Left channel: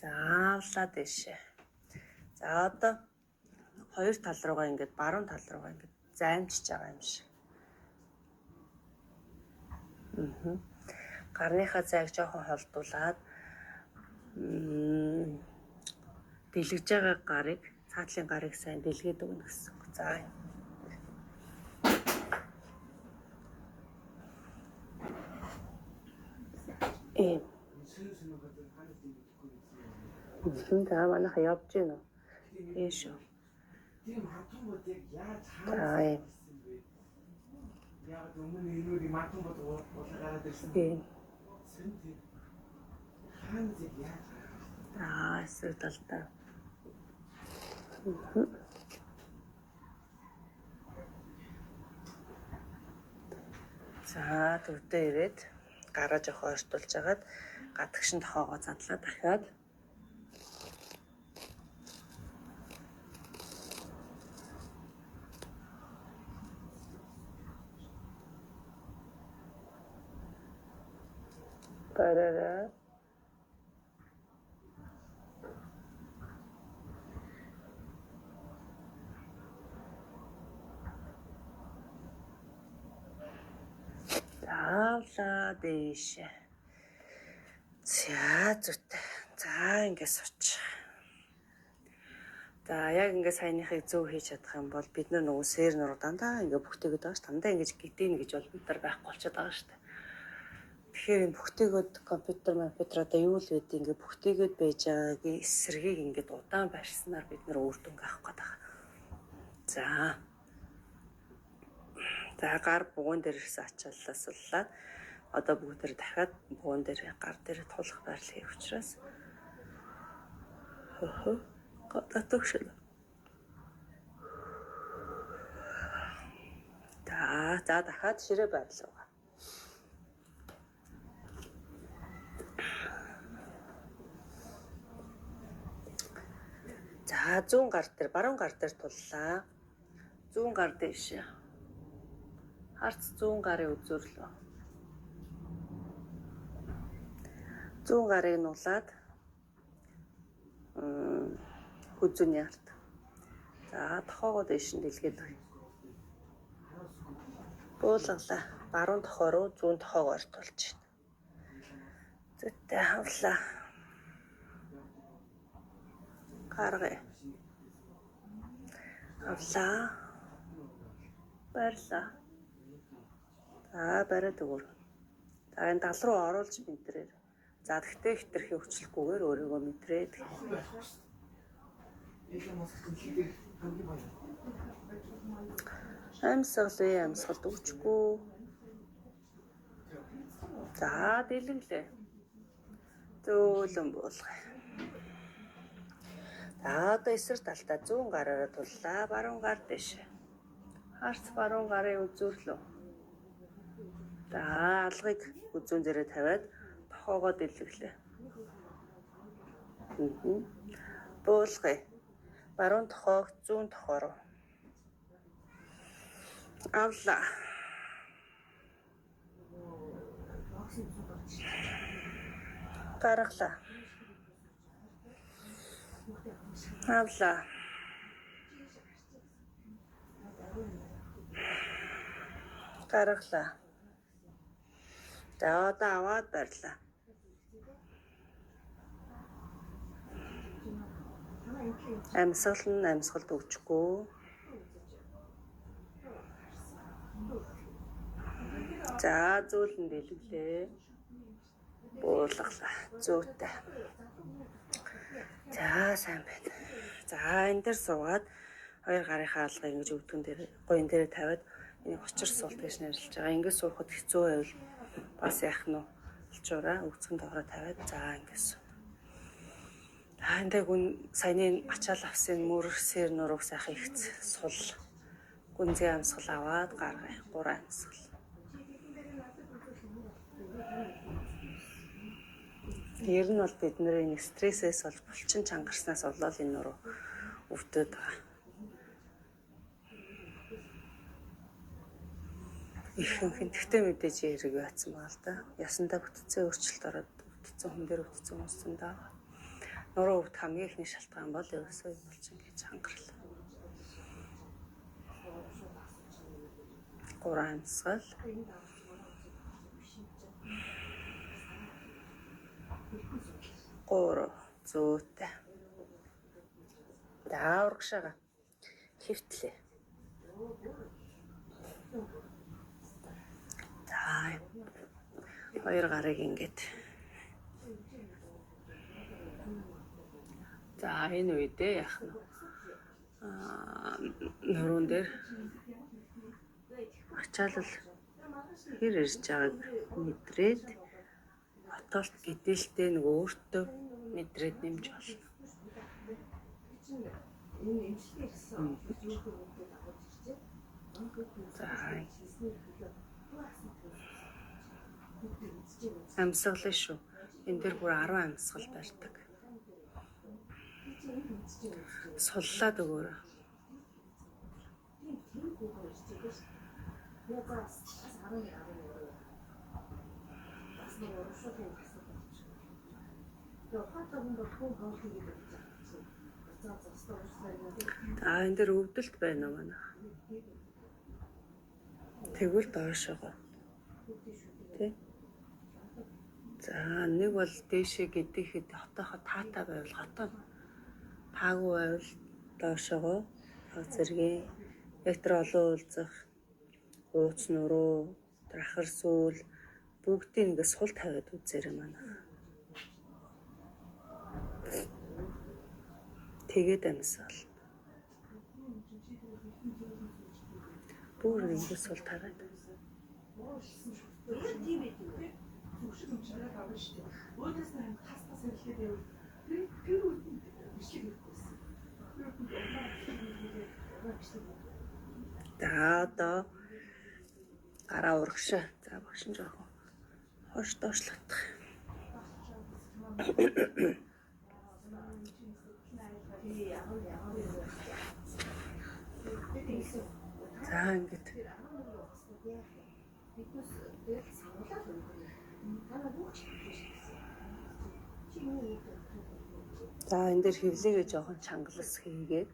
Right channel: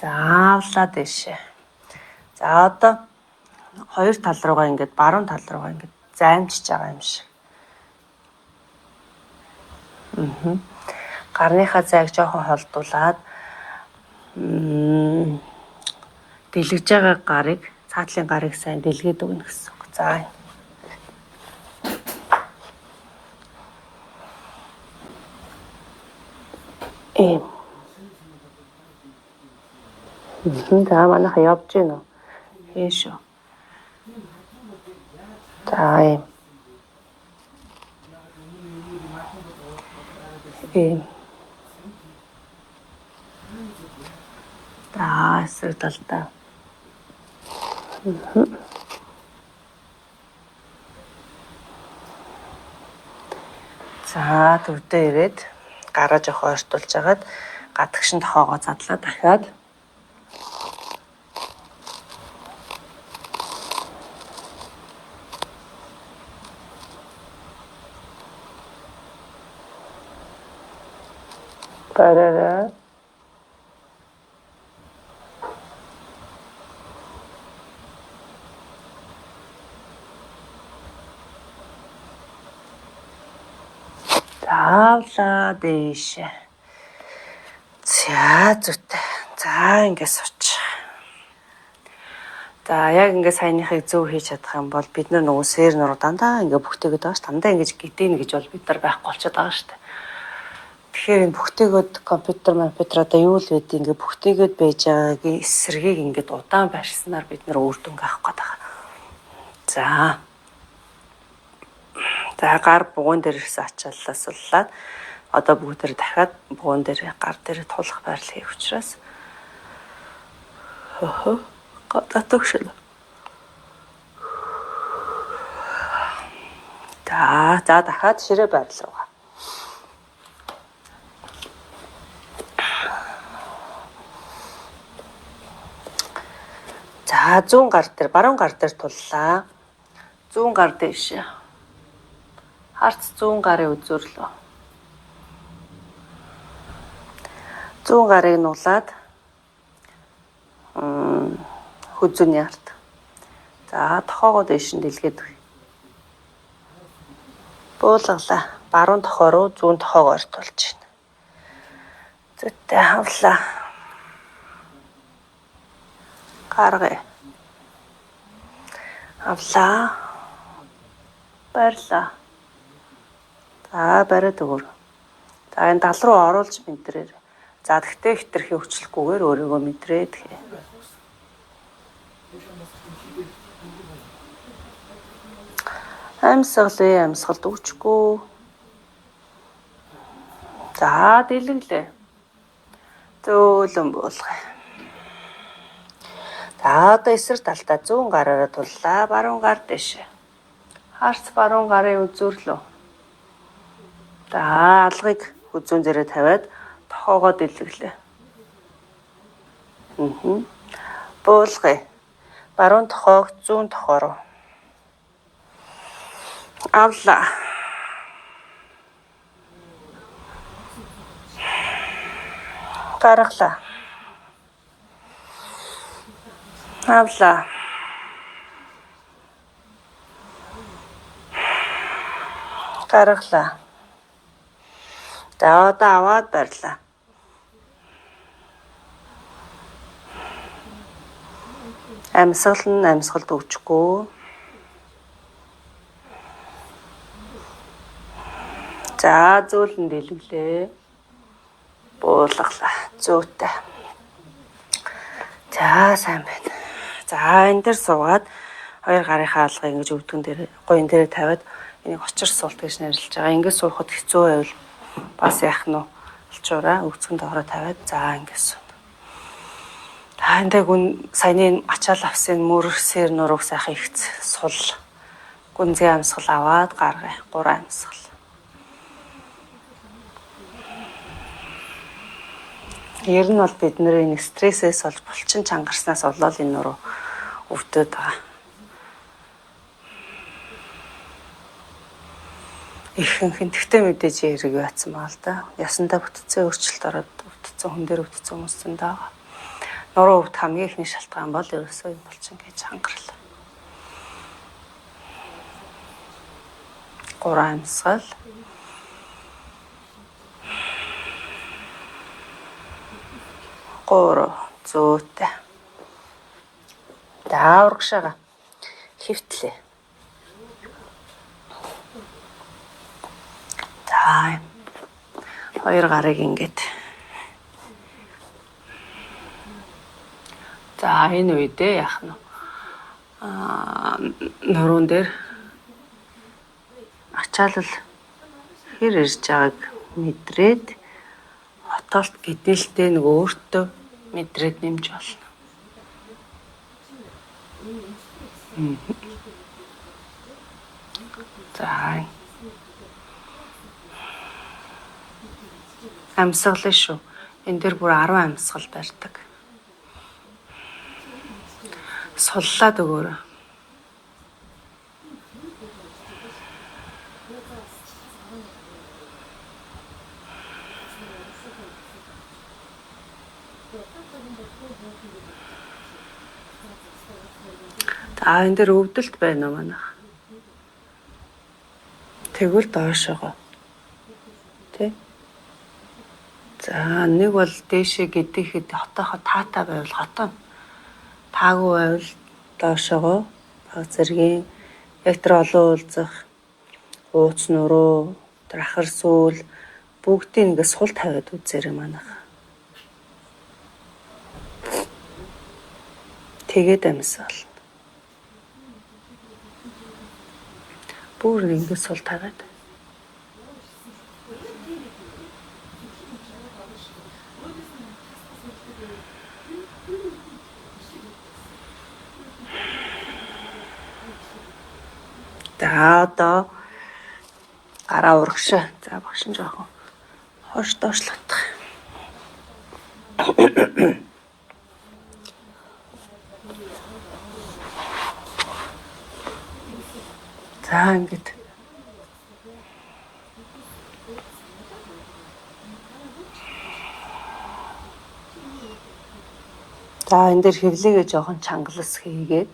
Заавлаа дэшээ. За одоо хоёр тал руугаа ингээд баруун тал руугаа ингээд займчиж байгаа юм шиг. Гарныхаа зайг жоохон холдуулаад дэлгэж байгаа гарыг, цаатлын гарыг сайн дэлгээд өгнө гэсэн үг. За. За манайха явж гин үү? Ийшүү. За. За, эсрэг талдаа. За, төвдөө ирээд гараа жоох ойртуулж агаад гадагшин тохоогоо задлаа дахиад. Бараараа. Заавлаа дэш. За зүйтэй. За ингээс сууч. За яг ингээ саяныхыг зөв хийж чадах юм бол бид нар нөгөө сэр нуруу дандаа ингээ бүхтэйгээд байгаа ш. Дандаа ингэж гидэн гэж бол бид нар байхгүй болчиход байгаа ш. Тэгэхээр энэ бүхтэйгээд компьютер одоо юу л гэдэг ингээ бүхтэйгээд байж байгаагийн эсрэгийг ингээд удаан байршснаар бид нар үр дүнг авах гээд байгаа. За. За гар бугуун дээр ирсэн ачааллаа суллаад одоо бүгдээр дахиад бугуун дээр гар дээр тулах байрлал хийх учраас татагшил. За дахиад ширээ байрлал руугаа. За зүүн гар дээр, баруун гар дээр туллаа. Зүүн гар дэш. Харц зүүн гарын үзүүрлөө. Зүүн гарыг нуулаад хүзүүний ард. За тохоогоо дэш нь дэлгээд өгье. Буулгалаа. Баруун тохоо руу зүүн тохоогоо ойртуулж байна. Зүйтэй хавлаа. Гаргая. Авлаа. Баярлаа. За бариад өгөр. За энэ тал руу оруулж мэдрээр. За тэгтээ хитрхи өвчлөхгүйгээр өөрийгөө мэдрээд. Амьсгалд өгчгүй. За дэлгэлээ. Зөөлөн буулгая. За одоо эсрэг талдаа зүүн гараараа туллаа. Баруун гар дэш. Харц баруун гарын үзүүрлөө. За алгыг хүзүүн дээрээ тавиад тохоогоо дэлгэлээ. Буулгая. Баруун тохоог зүүн тохоо руу. Авлаа. Гаргалаа. Авлаа. Гаргалаа. За одоо аваад барьлаа. Амьсгалд өгчгүй. За зөөлөн дэлгэлээ. Буулгалаа. Зүйтэй. За сайн байна. За энэ дээр суугаад хоёр гарынхаа алгыг ингэж өвдгөн дээр гоён дээр тавиад энийг очир суулт гэж нэрлэж байгаа. Ингэж суухад хэцүү байвал бас яах нь олчуураа өвцгөн доороо тавиад за ингэж суун. Та энэ гүн саяны ачаал авсан мөр сэр нурууг сайхан ихц сул. Гүнзгий амьсгал аваад гаргая. 3 амьсгал. Ер нь бол бид нэр стрессээс болж булчин чангарснаас болоод энэ нуруу өвдөд байгаа. Ихэнх тэгтээ мэдээж хэрэг яатсан байгаа л да. Ясандаа бүтцээ өөрчлөлт ороод бүтцэн хүн дээр бүтцэн хүмүүсэнд байгаа. Нуруу өвдөх хамгийн ихний шалтгаан бол ерөөсөө юм болчих гэж хангарал. 3 амьсгал. 3 зөөтэй. За урагшаага хөвтлээ. За 2 гарыг ингээд. За энэ үедээ яах нь нуруунд дээр ачаалал хэр ирж байгааг мэдрээд хотоолт гэдэлтэй нэг өөртөө мэдрээд нэмж болно. За амьсгал шүү. Энэ дээр бүр 10 амьсгал барьдаг. Суллаад өгөөрэй. За энэ дээр өвдөлт байна уу манайх? Тэгвэл доошоогоо. Тэ? За нэг бол дээшээ гэдэхэд хотоохоо таатай байвал хотоо. Таагүй байвал доошоогоо баг зэргийн яг тэр олон уулзах ууц нуруу, тэр ахар сүүл бүгдийг ингээд сул тавиад үзээрэй манайх. Тэгээд амьсгал. Бүр ингээд сул тавиад. За одоо гараа урагшаа. За багш нь жоохон хойш доошлогдох. За ингээд. За энэ дээр хэвлэгээ жоохон чангалас хийгээд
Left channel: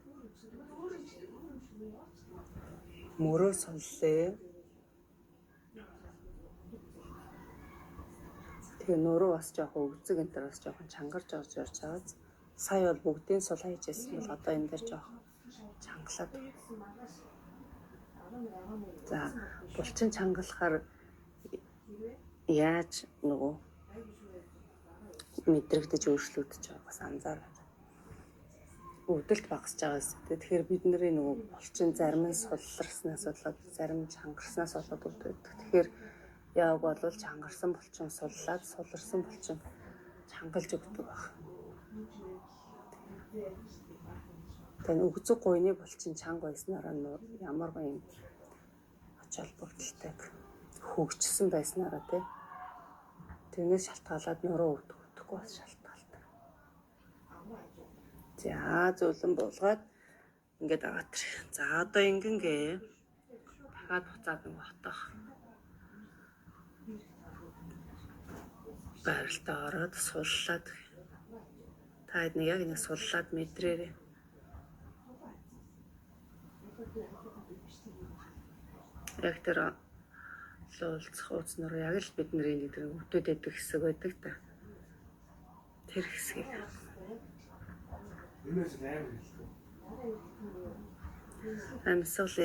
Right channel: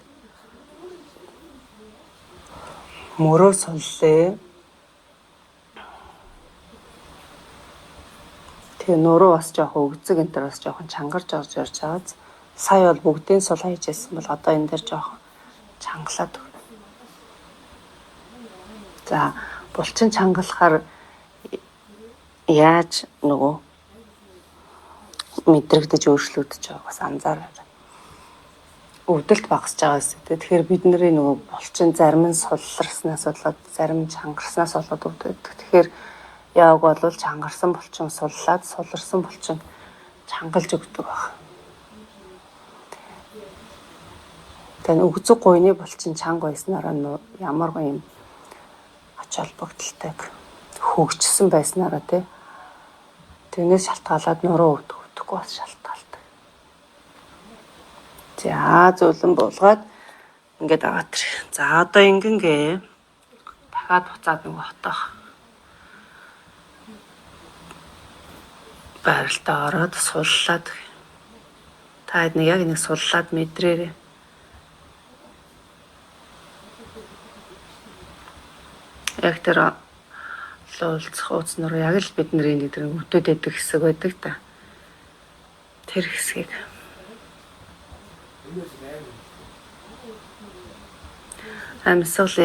мөрөө суллээ. Тэгээ нуруу бас жоохон өгзөг энэ төр бас жоохон чангарч орж ирж байгаа. Сая бол бүгдийн сул хайж байсан бол одоо энэ дээр жоохон чангалаад. За булчин чангалахаар яаж нөгөө мэдрэгдэж өөрчлөгдөж байгааг бас анзаараарай. Өвдөлт багасж байгаас тэгэхээр бидний нөгөө булчин зарим нь сулларснаас болоод зарим нь чангарснаас болоод өвдөж. Тэгэхээр яг бол чангарсан булчин суллаад суларсан булчин чангалж өгдөг баг. Тэгээ өгзөг гуйны булчин чанга байснараа ямаргүй юм ач холбогдолтой хөгжсөн байснараа тий. Тэрнээс шалтгаалаад нуруу өвдөхгүй бас шалтгаалдаг. За зөвлөн буулгаад ингээд аваад тэр. За одоо ингэнгээ дахиад буцаад нөгөө хотоох. Байралтаа ороод суллаад. Та нэг яг нэг суллаад мэдрээрэй. Яг тэр луулцах ууц нуруу яг л бидний нэг тэр өвдөд байдаг хэсэг байдаг та. Тэр хэсгийг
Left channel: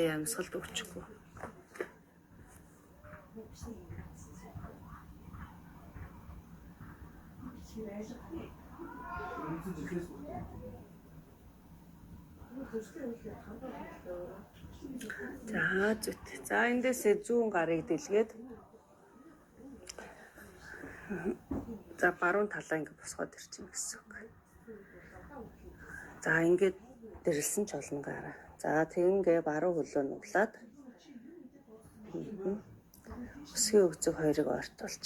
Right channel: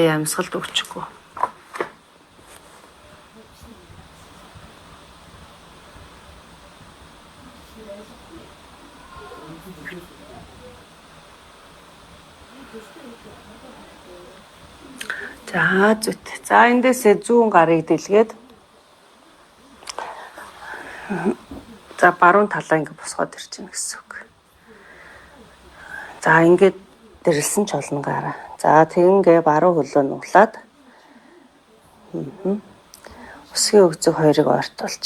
амьсгалд өгчихгүй. За зүт. За эндээсээ зүүн гарыг дэлгээд за баруун талаа ингэ босгоод ирчихнэ гэсэн үг. За ингээд дэрлсэн ч олон гараа. За тэгингээ баруун хөлөө нуглаад өсгийн өгзөг хоёрыг ортуулж.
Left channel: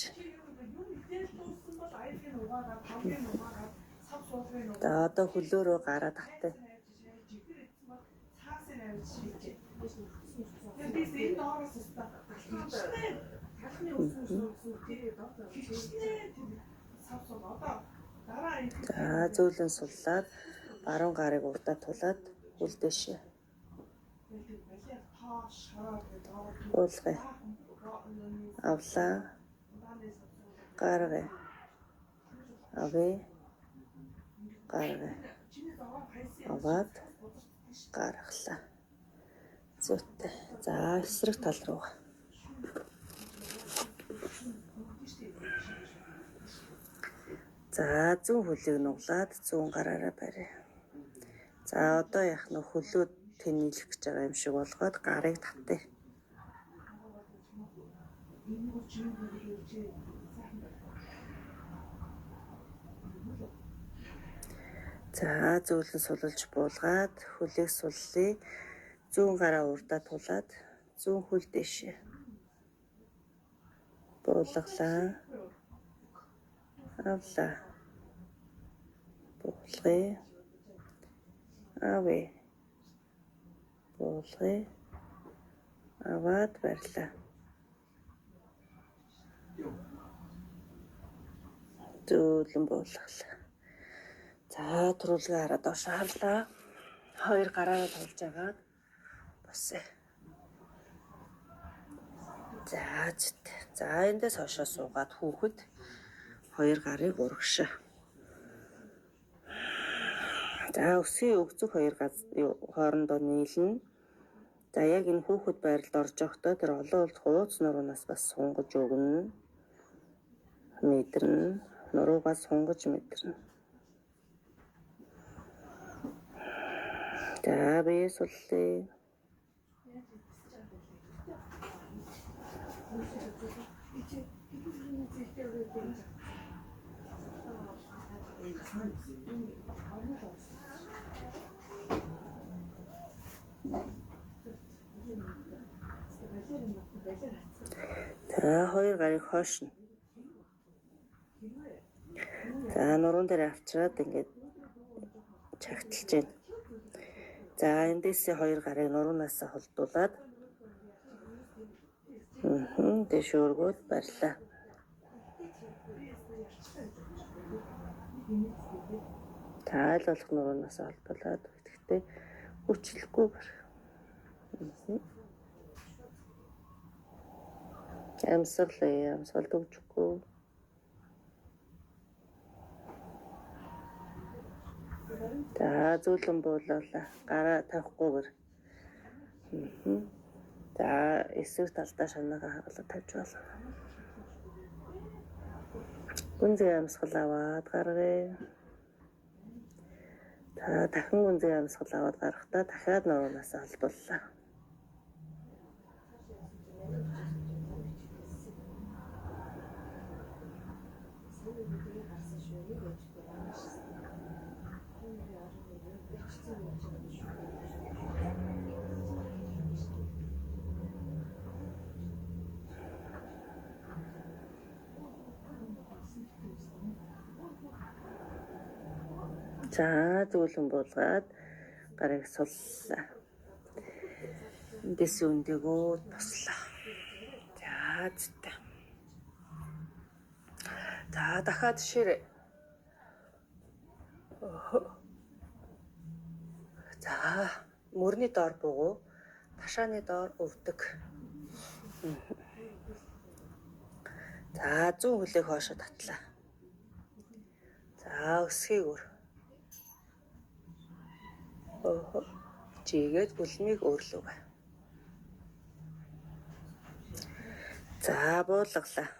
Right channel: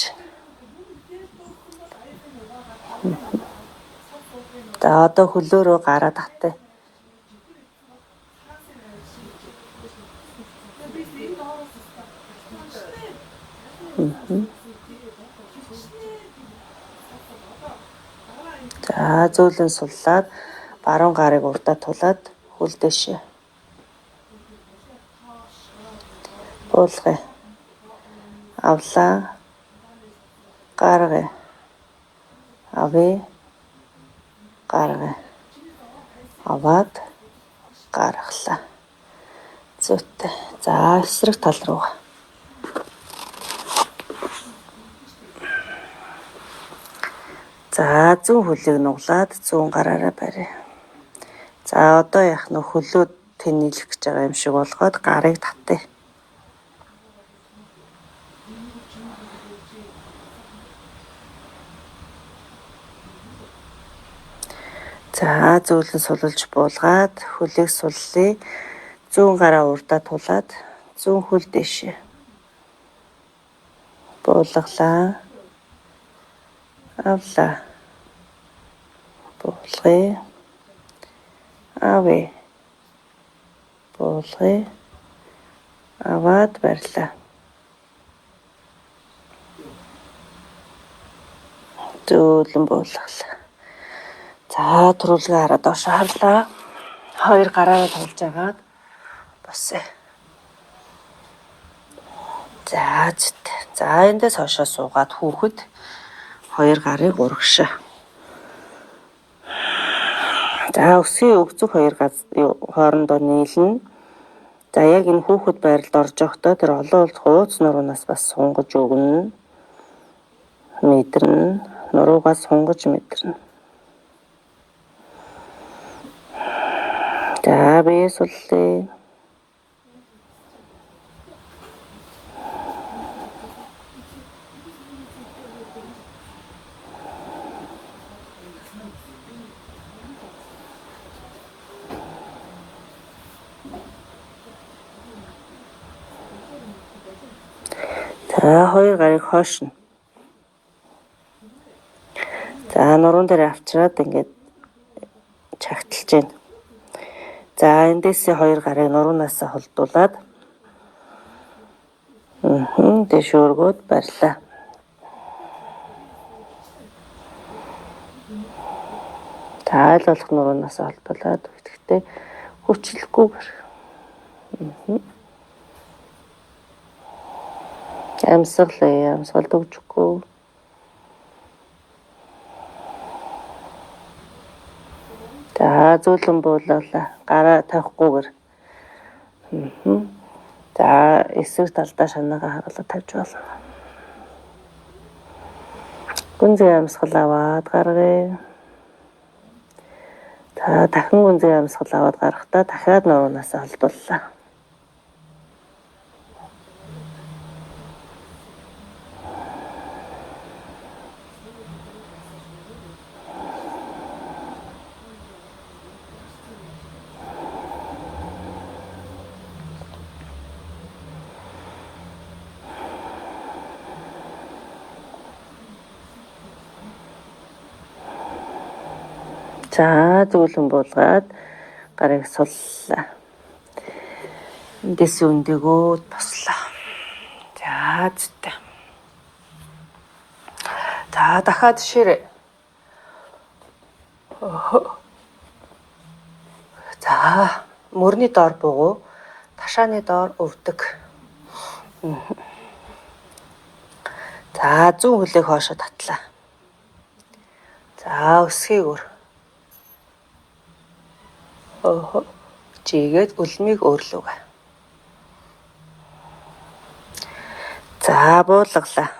За одоо хөлөөрөө гараа татъя. За зөөлөн суллаад баруун гарыг урдаа тулаад хөл дэшээ. Буулгая. Авлаа. Гаргая. Авъя. Гаргая. Аваад гаргалаа. Зүйтэй. За эсрэг тал руу. За зүүн хөлийг нуглаад зүүн гараараа барья. За одоо яах нь хөлөө тэнэлэх гэж байгаа юм шиг болгоод гарыг татъя. За зөөлөн сулуулж буулгаад хөлийг суллая. Зүүн гараа урдаа тулаад зүүн хөл дэшээ. Буулгалаа. Авлаа. Буулгая. Авъя. Буулгая. Аваад барьлаа. Зөөлөн буулгалаа. За түрүүлгээ хараад доош харлаа. Хоёр гараараа тулж агаад босъё. За зүйтэй. За эндээс хойшоо суугаад хүүхэд хоёр гарыг урагшаа. За өсгийн өгцөг хоёр хоорондоо нийлнэ. За яг энэ хүүхэд байралд орж явахдаа тэр олон улс хууц нуруунаас бас сунгаж өгнө. Мэдэрнэ. Нуруугаас сунгаж мэдэрнэ. За бие суллая. За хоёр гарыг хойшно. За нуруунд дээр авчираад ингээд чагталж байна. За эндээсээ хоёр гарыг нуруунаас холдуулаад дэшөөргөөд барьлаа. За аль болох нуруунаас холдуулаад гэхдээ хүчлэхгүйгээр. Амьсгалаа, амьсгал төгжихгүй. За зөөлөн буулгалаа. Гараа тавихгүйгээр. За эсрэг талдаа шанаага хагалаад тавьж болно. Гүнзгий амьсгал аваад гаргая. За дахин гүнзгий амьсгал аваад гарахдаа дахиад нуруунаас холдууллаа. За зөөлөн буулгаад гарыг суллаа. Эндээс өндөгөөд бослоо. За зүйтэй. За дахиад ширээ. За мөрний доор бугуу, ташааны доор өвдөг. За зүүн хөлийг хоошоо татлаа. За өсгийг өр. Жигээд үлмийг өөрлөвгөө. За буулгалаа.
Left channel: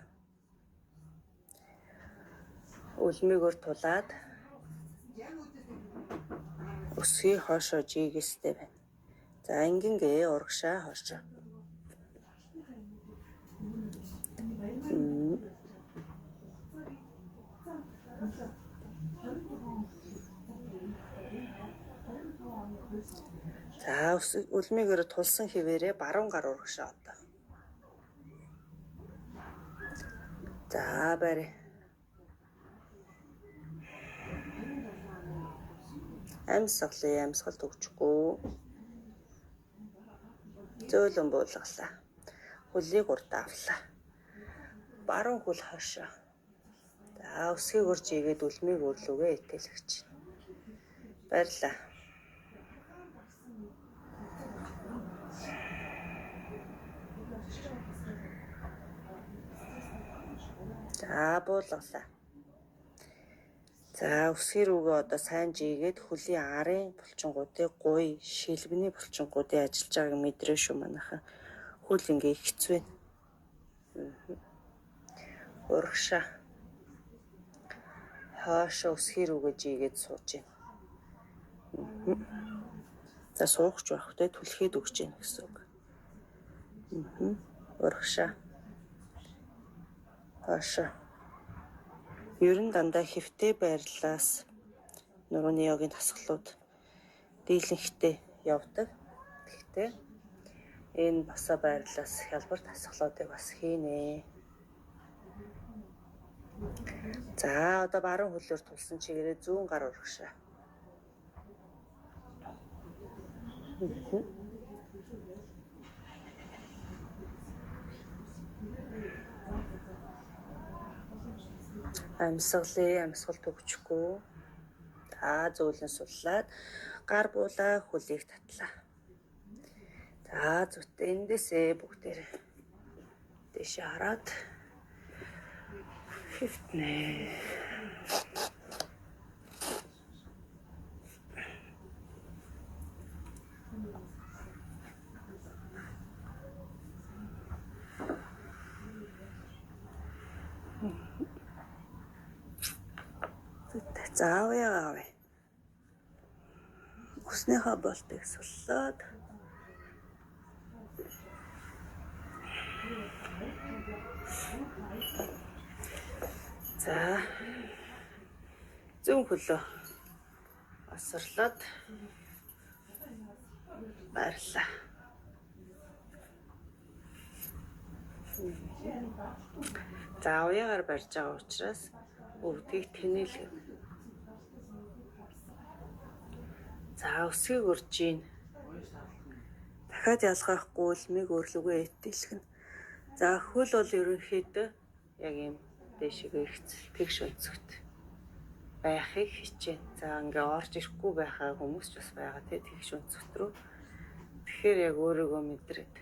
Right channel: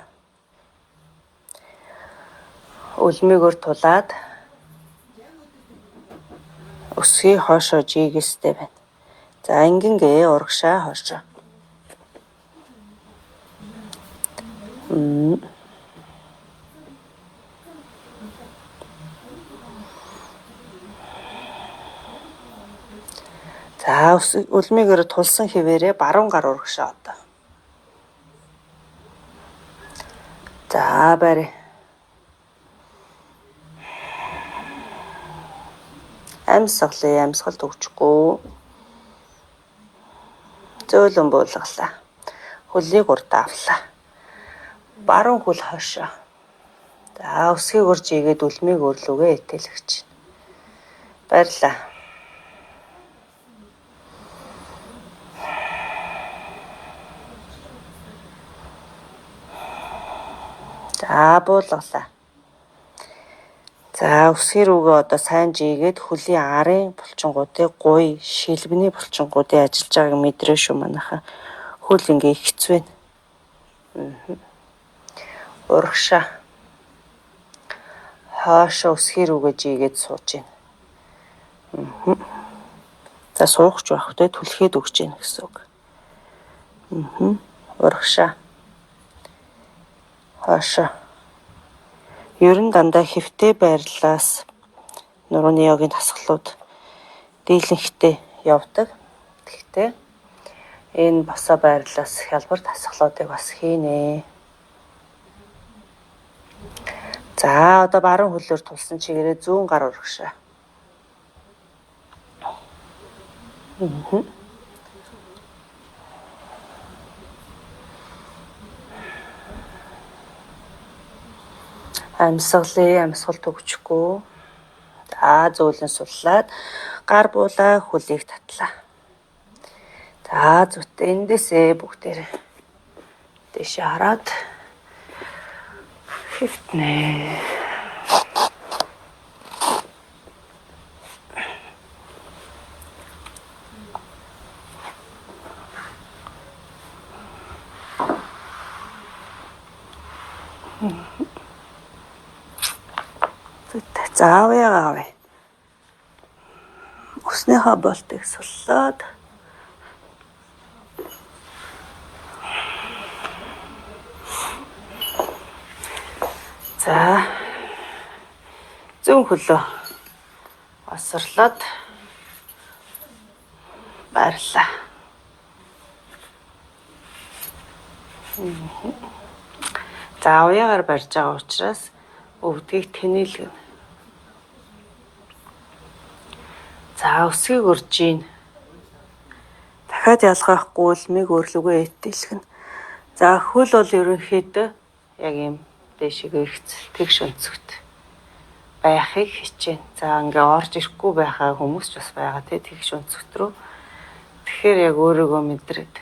Үлмийг өр тулаад өсгийг хоошоо жигээстэй байна. За ингэнгээ урагшаа хоошоо. За үлмийгээр тулсан хэвээрээ баруун гар урагшаа одоо. За барь. Амьсгалаа, амьсгал төгжихгүй. Зөөлөн буулгалаа. Хөлийг урд авлаа. Баруун хөл хойшоо. За өсгийг урж игээд үлмийг өрлөгээ итэлгэж байна. Баярлалаа. За буулгалаа. За өсгий рүүгээ одоо сайн жигээд хөлийн арын булчингуудыг гуй шилбэний булчингуудын ажиллаж байгааг мэдрээ шүү манайхаа. Хөл ингээ ихцвэн. Урагшаа. Хаашаа өсгий рүүгээ жигээд сууж байна. За суухч байх вэ? Түлхээд өгч байна гэсэн үг. Урагшаа. Хаашаа. Ер нь дандаа хэвтэй байрлалаас нурууны йогийн дасгалууд дийлэнхтэй явдаг. Гэхдээ энэ босоо байрлалаас хялбар дасгалуудыг бас хийнэ. За одоо баруун хөлөөр тулсан чигээрээ зүүн гар урагшаа. Амьсгал төгчгүй. За зөөлөн суллаад гар буулаа хөлийг татлаа. За зүтээ эндээсээ бүгдээрээ дэшээ хараад хөвтнэ. За авъя. Өснийхөө болтыг суллаад за зүүн хөлөө осрлоод баярлаа. За авьяагаар барьж байгаа учраас өвдгийг тэнэлгэнэ. За өсгийг урж ийн. Дахиад ялгаахгүй үлмийг өрлөгөө итэлгэнэ. За хөл бол ерөнхийдөө яг юм дэшигээ ихцэл тэгш өнцгт байхыг хичээнэ. За ингээ орж ирэхгүй байхаа хүмүүс ч бас байгаа тий тэгш өнцгт рүү. Тэгэхээр яг өөрийгөө мэдрээд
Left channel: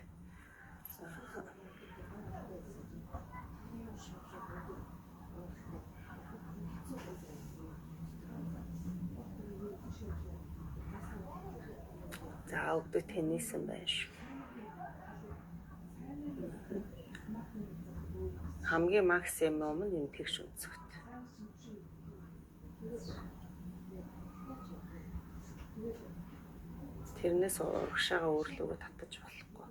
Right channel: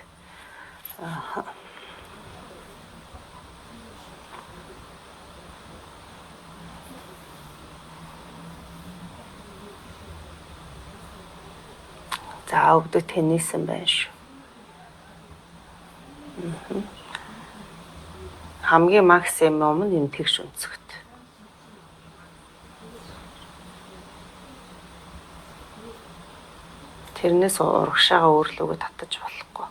за өвдөг тэнийсэн байна шүү. Хамгийн максимум нь энэ тэгш өнцгт. Тэрнээс урагшаага өөрлөгөө татаж болохгүй.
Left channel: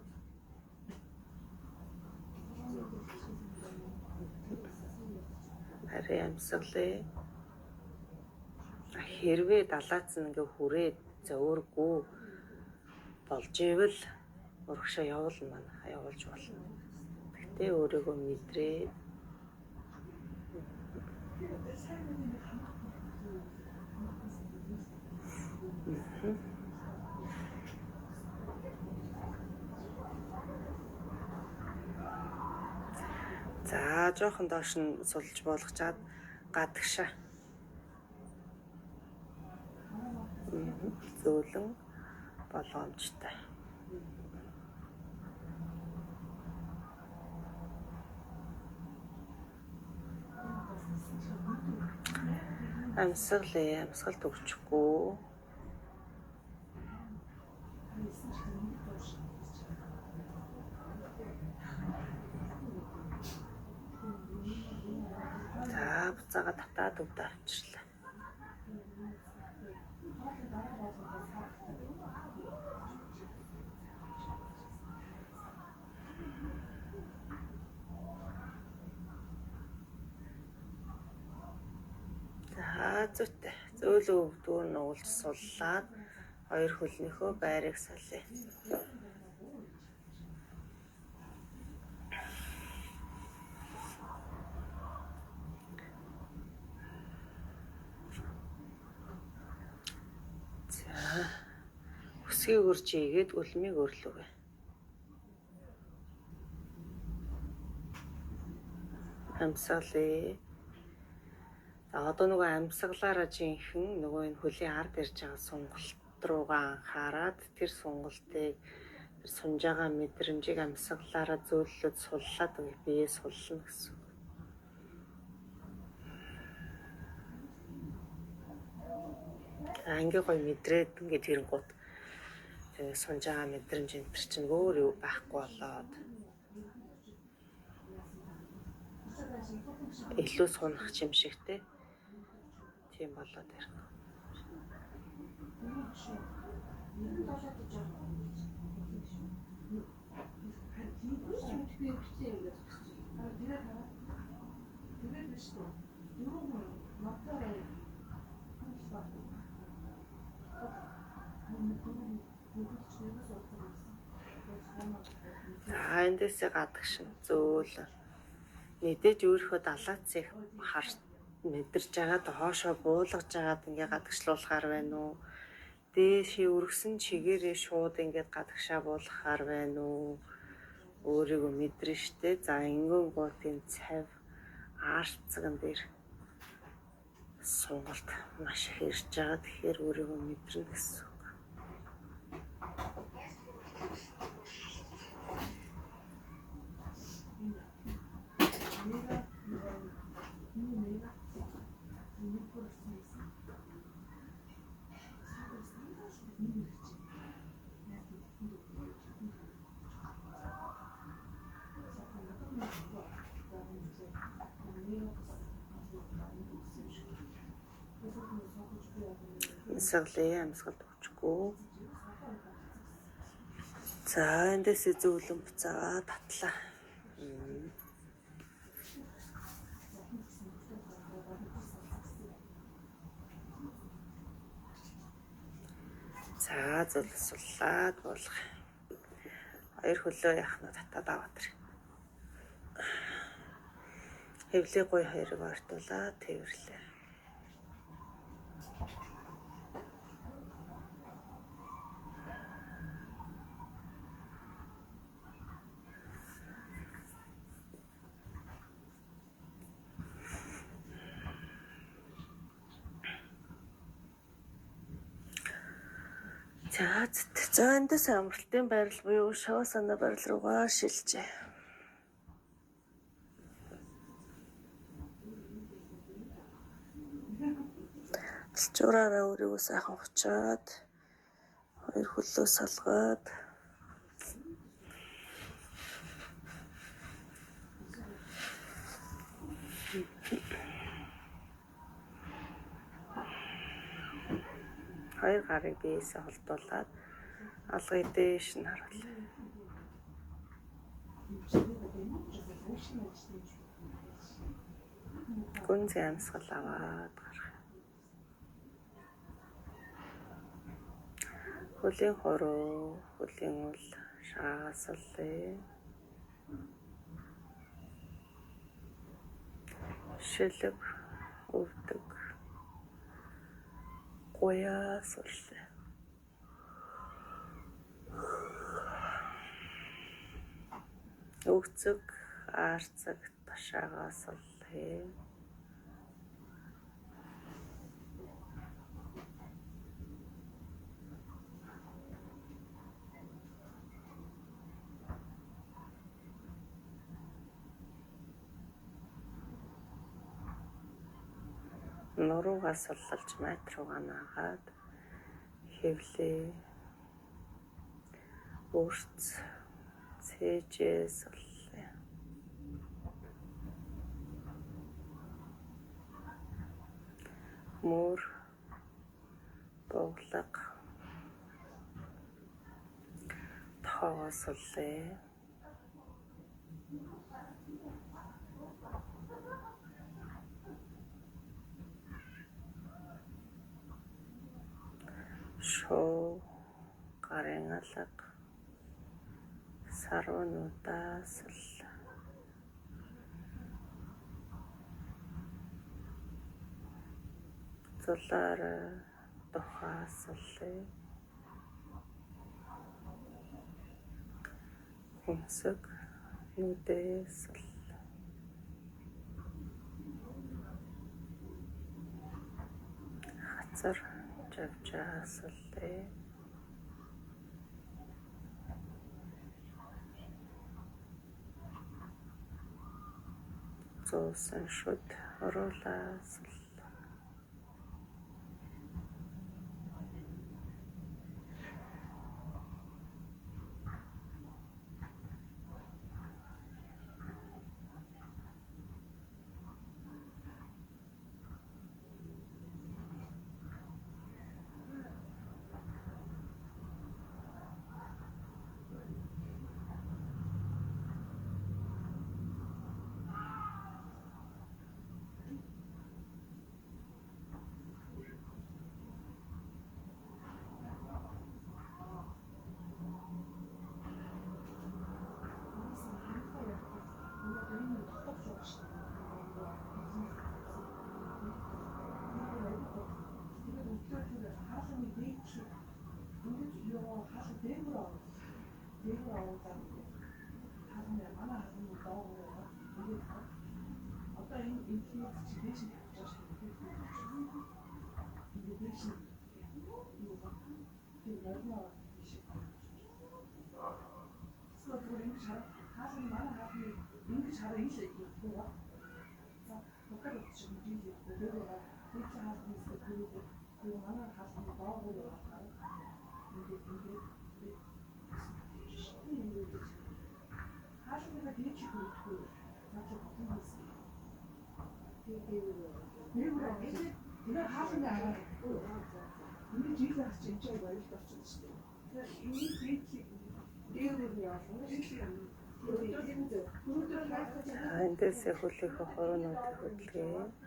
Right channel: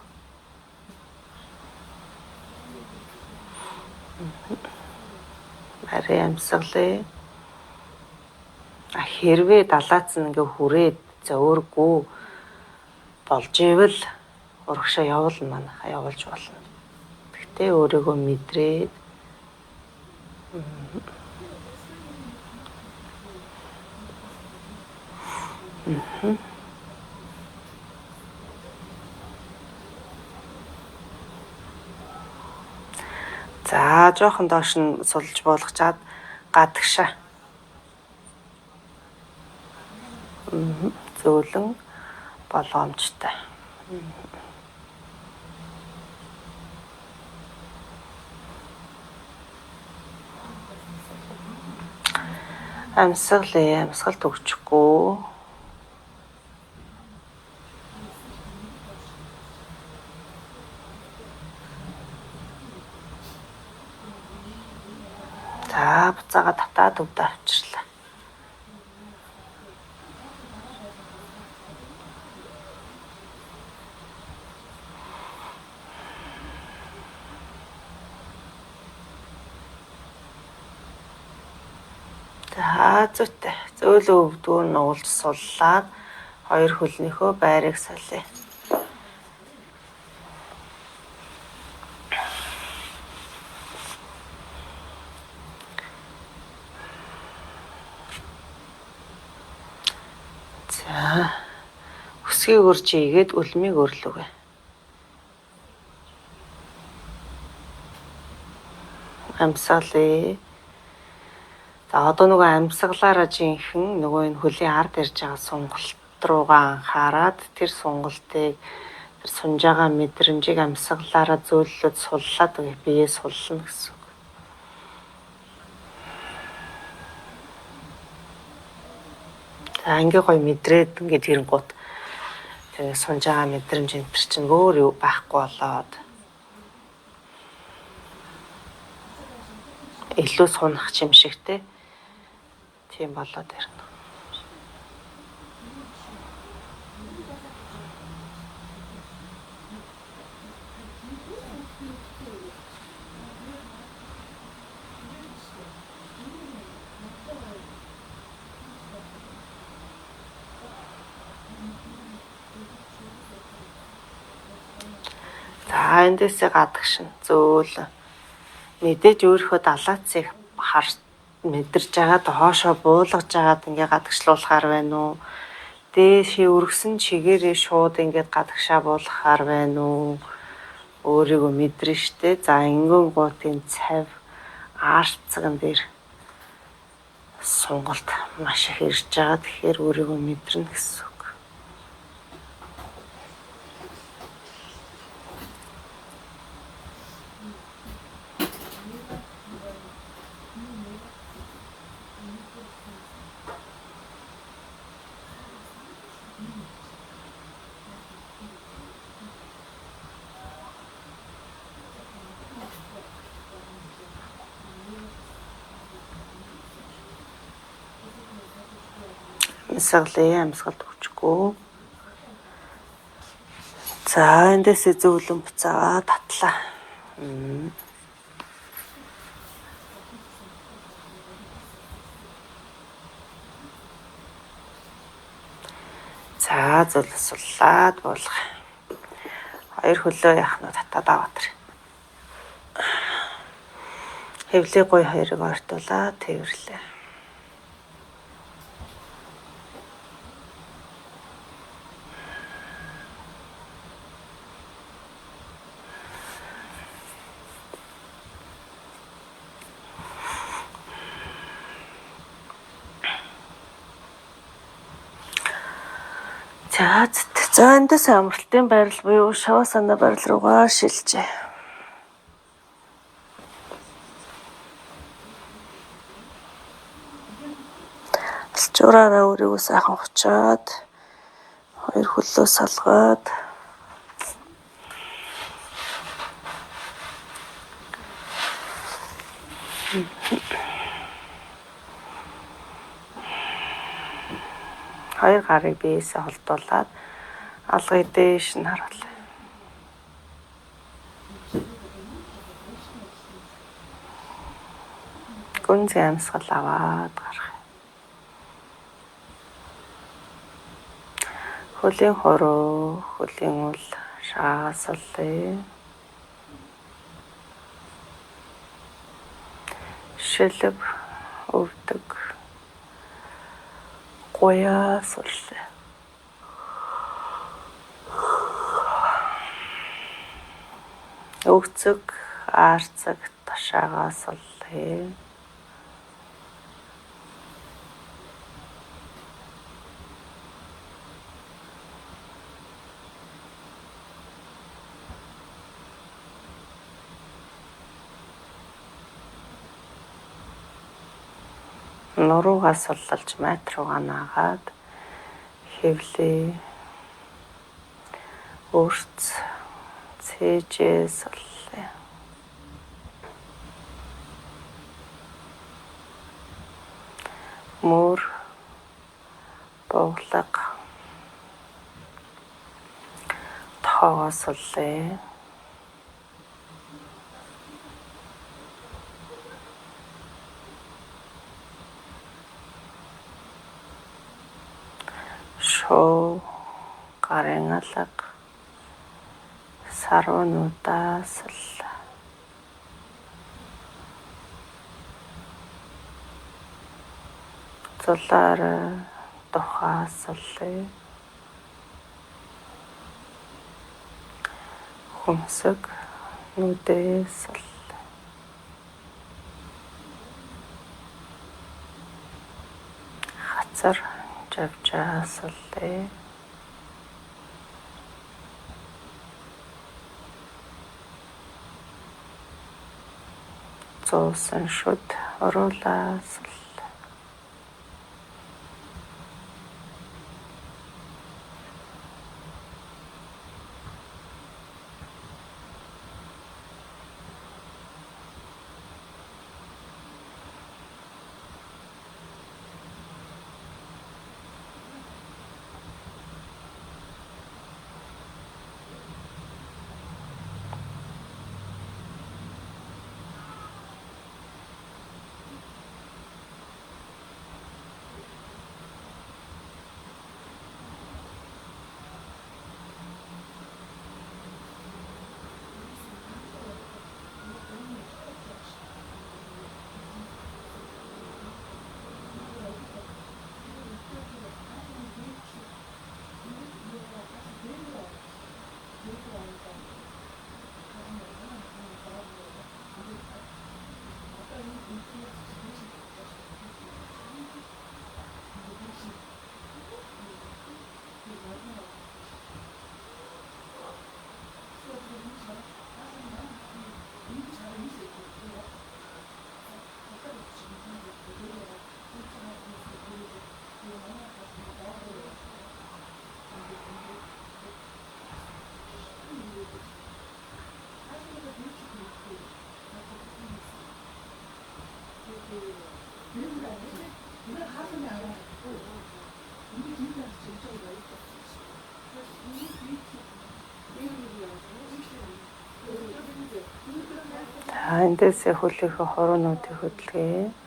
Ари амьсгалээ. Хэрвээ далаац нь ингээ хүрээд зөөргүй болж ивэл урагшаа явуулна манайхаа явуулж болно. Гэхдээ өөрийгөө мэдрээд за жоохон доош нь сулж буулгачаад гадагшаа. Зөөлөн болгоомжтой. Амьсгал төгчгүй. За буцаага татаад өвдө авчирлаа. За зүйтэй. Зөөлөн өвдгөө нь уулж суллаад хоёр хөлнийхөө байрыг солиё. За өсгийг урж игээд үлмийг өрлөгээ. Амьсгалээ. За одоо нөгөө амьсгалаараа жинхэнэ нөгөө энэ хөлийн ард ирж байгаа сонголт руугаа анхаарад тэр сонголтыг тэр сунж байгаа мэдрэмжийг амьсгалаараа зөөллөд суллаад биеэ суллана гэсэн. За ингээ гоё мэдрээд ингээд ирэнгуут тэгээ сунж байгаа мэдрэмж энэ төр чинь өөр юу байхгүй болоод илүү сунах юм шиг те. Тийм болоод ирнэ. За эндээсээ гадагшин зөөлөн мэдээж өөрийнхөө далаацыг мэдэрж байгаад хоошоо буулгаж байгаад ингээ гадагшлуулахаар байна уу? Дээшээ өргөсөн чигээрээ шууд ингээд гадагшаа буулгахаар байна уу? Өөрийгөө мэдэрнэ штэ. За ингэн гутын цав аарцган дээр сонголт маш их ирж байгаа. Тэгэхээр өөрийгөө мэдэрнэ гэсэн. Амьсгалд хүчгүй. За эндээсээ зөвлөн буцаагаа татлаа. За зулсуулаад буулгах. Хоёр хөлөө яхнууд татаад аваад тэр. Хэвлээ гой хоёрыг ортуулаад тэрвэрлээ. За эндээс амралтын байрал буюу шавасана байрал руугаа шилжээ. Алчуураараа өөрийгөө сайхан хучаад хоёр хөлөө салгаад хоёр гарыг биеэсээ холдуулаад алгыг дээш нь харуулъя. Гүнзгий амьсгал аваад гарах. Хөлийн хороо, хөлийн үл шаасаллаа. Шилэг өвдөг. Гояа суллаа. Өвцөг, аарцаг, ташаагаа суллаа. Нуруугаа суллалж майт руугаа наагаад хэвлээ. Өрц цээжээ суллаа. Мөр боглог тохоогоо суллаа. Шоо гарын алга сарвануудаа суллаа. Зулаар тухаа суллаа. Хүмсэг нүдээ суллаа. газар жавжаасаллаа. Зуусан шүд оруулаасал. За эндээсээ хөлийнхөө хороонуудыг хөдөлгөө.